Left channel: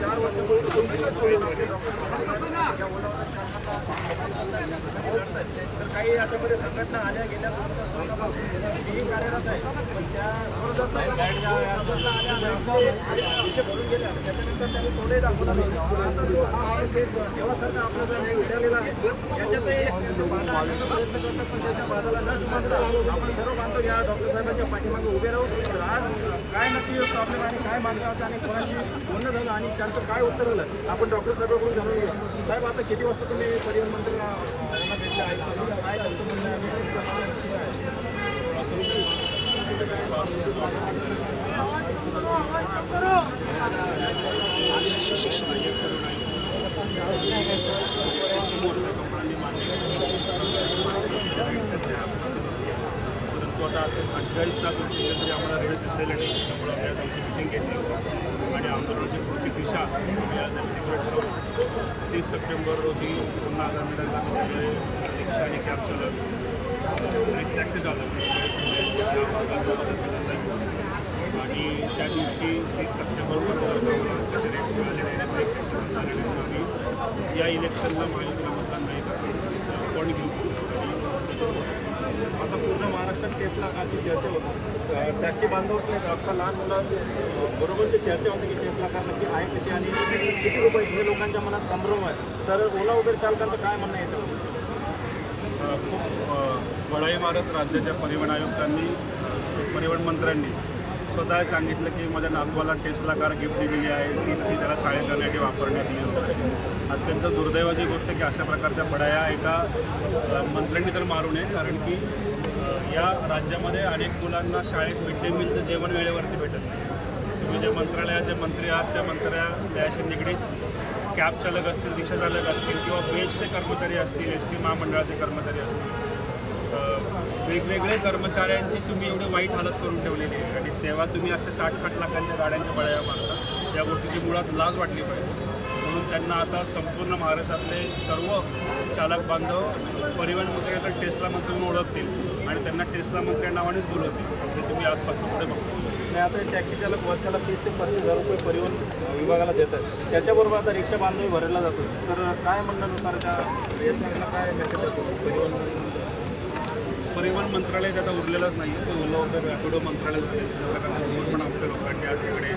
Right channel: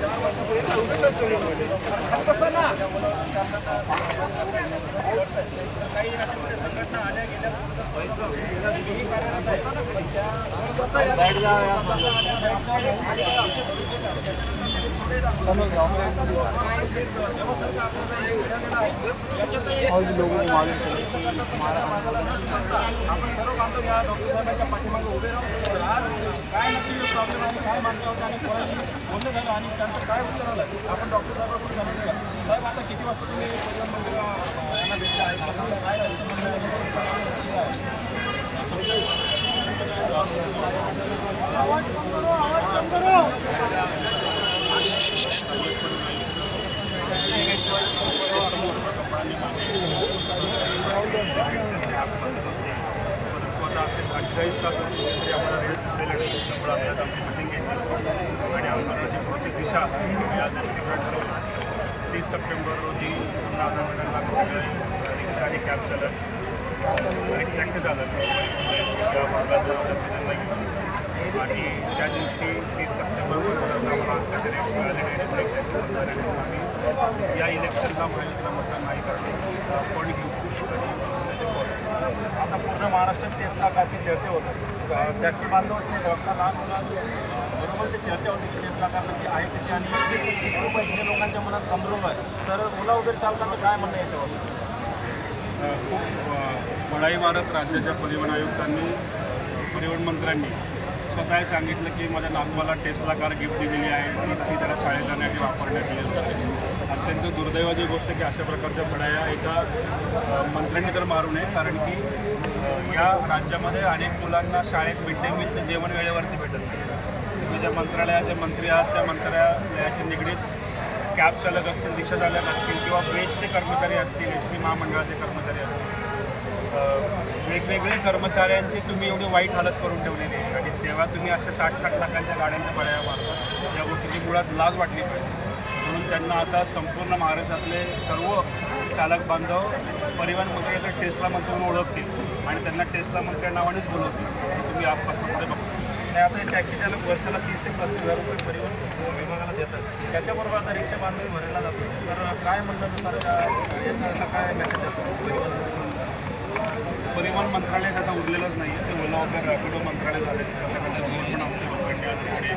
4 वर्षापूर्वी तर काही याच्यामध्ये संघटना आल्या गेल्या 2014 पासून मीही कार्यरत आहे. पण त्या 2014 संघटना आल्या आणि आपले विषय भरून गेल्या. त्याच्यानंतर त्यांनी थोडे दाखवलं. आता जो हा माणूस एक देवासारखा आपला जर मिळालेला आहे याच्यातही बाधा आणण्याचा प्रयत्न करतात. पण त्याच्या बाधाला न जुमानता आपण सर्व बांधव या डॉक्टर साहेबांच्या पाठीमागे उभे राहू. तर आज काय नक्की प्रॉब्लेम आहे, काय मागण्या होत्या आणि कोणाशी बोलणं झालं आणि त्यांचं काय उत्तर आलं आपण डॉक्टर साहेबांकडून जाणून घेऊया. साहेब, आता किती वाजता तुम्ही परिवहन मंत्री यांना भेटले आहे? काय त्यांचं म्हणणं आहे? समोर कपडांनी मागे परंतु आता 48 तास होते तरी आम्हाला रेल्स दिसलेले नाही. त्यामुळे आम्ही आज आमची मिटिंग घेतली आणि आंदोलनाची पुढची दिशा आज तिकडे ठरवलं. 30 सप्टेंबर रोजी पुन्हा आधार मिळायला आम्ही सगळे रिक्षा आणि कॅब चालक आणि टॅक्सी चालक या भागात आधार मिळायला घेऊन आणि त्या दिवशी 30 सप्टेंबरपर्यंत आम्हाला अंकाचे रेट्स मिळाले नाही आणि टॅक्सी बंद झाले नाही. तर आम्ही या इलेक्शनला महायुतीला मतदान नाही करणार पण घेऊ आणि आता पूर्ण महाराष्ट्रात टेस्ला कारची चर्चा होते. टॅक्सी बांधवच नाही, आता लहान मुलं बरोबर ते चर्चा होते की टेस्ला कार नक्की आहे कशी आणि किती रुपयाची हे लोकांच्या मनात संभ्रम आहे. तर ओला उबेर चालकांचं काय म्हणणं आहे याच्यावर? खूप बढाई मारत राज्याच्या परिवहन आयुक्तांनी परिवहन मंत्र्यांनी स्वतः सांगितलं की माझ्या नातवाला टेस्ला कार गिफ्ट दिलेली आहे, ती त्याला शाळेत जाण्यासाठी वापरण्यात येईल. अत्यंत दुर्दैवाची गोष्ट की अशा प्रकारच्या बढाया एका मंत्र्यांनी तर मारू नये. कारण की या राज्यामध्ये अनेक मुलांना शाळेत मिड डे मीलचं जेवण वेळेवरती भेटत नाही. तुम्ही ज्या मंत्रालयाचे मंत्री आहात त्या मंत्रालयाशी निगडीत कॅब चालक असतील, रिक्षा चालक असतील किंवा बेसचे कर्मचारी असतील, ST महामंडळाचे कर्मचारी असतील, वेगवेगळे कर्मचाऱ्यांची तुम्ही एवढी वाईट हालत करून ठेवलेली आहे आणि तेव्हा तुम्ही अशा 60-60 लाखांच्या गाड्यांच्या बळ्या मारतात. त्या गोष्टीची मुळात लाज वाटली पाहिजे. म्हणून त्यांना आता संपूर्ण महाराष्ट्रातले सर्व चालक बांधव परिवहन मंत्र्याचं टेस्ला मंत्री म्हणून ओळखतील आणि त्यांना टेस्ला मंत्री या नावानेच बोलवतील. हे तुम्ही आजपासून पुढे बघता. आणि आता टॅक्सी चालक वर्षाला 30 ते 35 हजार रुपये परिवहन विभागाला देतात. त्याच्याबरोबर आता रिक्षा बांधवी भरायला जातो. तर काय म्हणण्यानुसार याच्याला काय लक्षात येतो? परिवहन मंत्रालय आता उरलेलंच नाही आहे. ते ओला उबेर रॅपिडो मंत्रालय झाले. त्या प्रकारचे धोरण पण आमच्या लोकांनी आज तिकडे